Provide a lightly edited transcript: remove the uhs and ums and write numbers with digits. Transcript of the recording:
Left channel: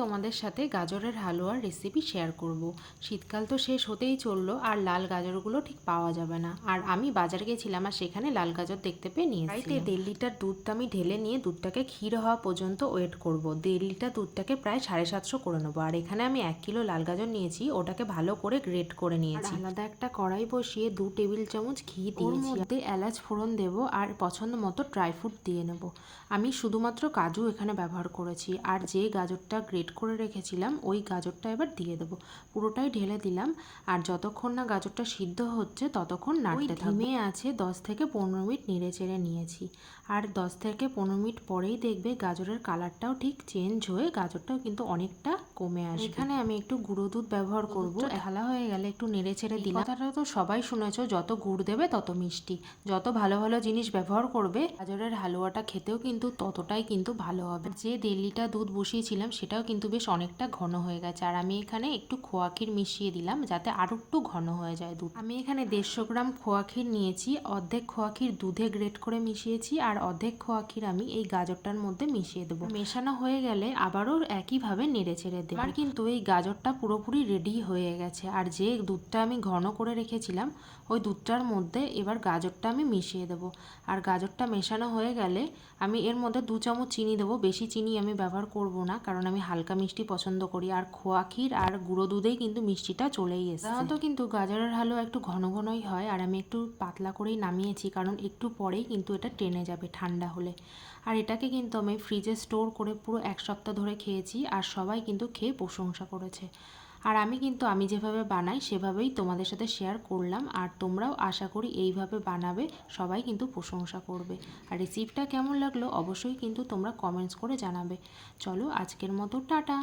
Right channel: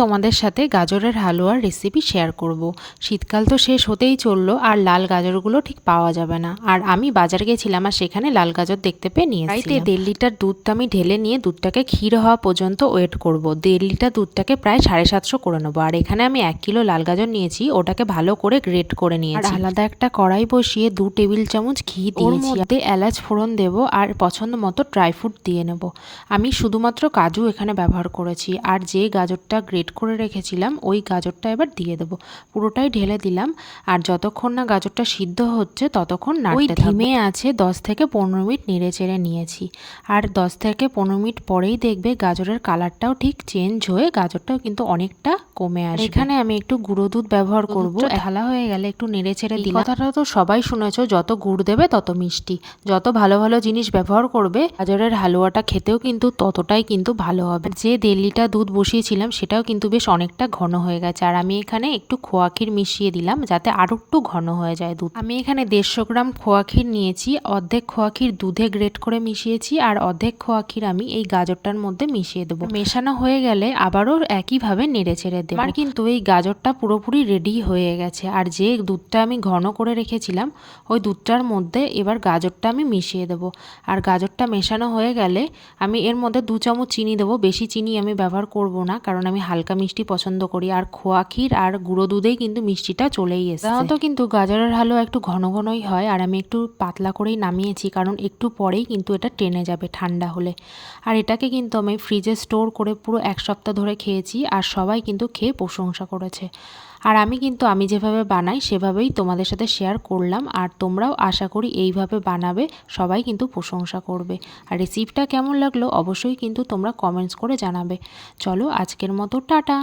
তোমাদের সাথে গাজরের হালুয়ার রেসিপি শেয়ার করব। শীতকাল তো শেষ হতেই চললো, আর লাল গাজরগুলো ঠিক পাওয়া যাবে না। আর আমি বাজার গেছিলাম আর সেখানে লাল গাজর দেখতে পেয়ে নিয়ে এসেছিলাম। 1.5 লিটার দুধটা আমি ঢেলে নিয়ে দুধটাকে ক্ষীর হওয়া পর্যন্ত ওয়েট করব। 1.5 লিটার দুধটাকে প্রায় 750 করে নেবো। আর এখানে আমি 1 কিলো লাল গাজর নিয়েছি, ওটাকে ভালো করে গ্রেট করে নিয়েছি। আর আলাদা একটা কড়াই বসিয়ে 2 টেবিল চামচ ঘি দিয়েছি। ওর মধ্যে এলাচ ফোড়ন দেবো আর পছন্দ মতো ড্রাই ফ্রুট দিয়ে নেব। আমি শুধুমাত্র কাজু এখানে ব্যবহার করেছি। আর যে গাজরটা গ্রেট করে রেখেছিলাম ওই গাজরটা এবার দিয়ে দেবো। পুরোটাই ঢেলে দিলাম। আর যতক্ষণ না গাজরটা সিদ্ধ হচ্ছে ততক্ষণ নাড়তে থাকবো। ধিমে আছে 10 থেকে 15 মিনিট নেড়ে চেড়ে নিয়েছি। আর 10 থেকে 15 মিনিট পরেই দেখবে গাজরের কালারটাও ঠিক চেঞ্জ হয়ে গাজরটাও কিন্তু অনেকটা কমে আসবে। এখানে আমি একটু গুঁড়ো দুধ ব্যবহার করব। ঢালা হয়ে গেলে একটু নেড়ে চেড়ে দিলাম। কথাটা তো সবাই শুনেছো, যত গুড় দেবে তত মিষ্টি। যত ভালো ভালো জিনিস ব্যবহার করবে গাজরের হালুয়াটা খেতেও কিন্তু ততটাই কিন্তু ভালো হবে। যে 1.5 লিটার দুধ বসিয়েছিলাম সেটাও কিন্তু বেশ অনেকটা ঘন হয়ে গেছে। আর আমি এখানে একটু খোয়া ক্ষীর মিশিয়ে দিলাম যাতে আরও একটু ঘন হয়ে যায় দুধ। আমি এখানে 150 গ্রাম খোয়া ক্ষীর নিয়েছি। অর্ধেক খোয়া ক্ষীর দুধে গ্রেট করে মিশিয়েছি আর অর্ধেক খোয়া ক্ষীর আমি এই গাজরটার মধ্যে মিশিয়ে দেবো। মেশানো হয়ে গেলে আবারও একইভাবে নেড়ে চেড়ে দেবো। আমার কিন্তু এই গাজরটা পুরোপুরি রেডি হয়ে গেছে। আর যে দুধটা আমি ঘন করে রেখেছিলাম ওই দুধটার মধ্যে এবার গাজরটা আমি মিশিয়ে দেবো। আর গাজরটা মেশানো হয়ে গেলে আমি এর মধ্যে 2 চামচ চিনি দেবো। বেশি চিনি আমি ব্যবহার করব না, কারণ আমি হালকা মিষ্টি পছন্দ করি। আর খোয়া ক্ষীর আর গুঁড়ো দুধেই কিন্তু মিষ্টিটা চলেই এসেছে। সাধারণত কিন্তু গাজরের হালুয়া একটু ঘন ঘনই হয়, আর আমি একটু পাতলা করেই নামিয়েছি, কারণ একটু পরেই কিন্তু এটা টেনে যাবে ঠান্ডা হলে। আর এটাকে কিন্তু আমি ফ্রিজে স্টোর করে পুরো 1 সপ্তাহ ধরে খেয়েছি, আর সবাই কিন্তু খেয়ে প্রশংসা করেছে। আর আমি যেভাবে বানাই সেভাবেই তোমাদের সাথে শেয়ার করলাম। আর তোমরাও আশা করি এইভাবে বানাবে, সবাই কিন্তু প্রশংসা করবে। আর রেসিপিটা কেমন লাগলো অবশ্যই কিন্তু তোমরা কমেন্টস করে জানাবে। চলো আজকের মতো টাটা।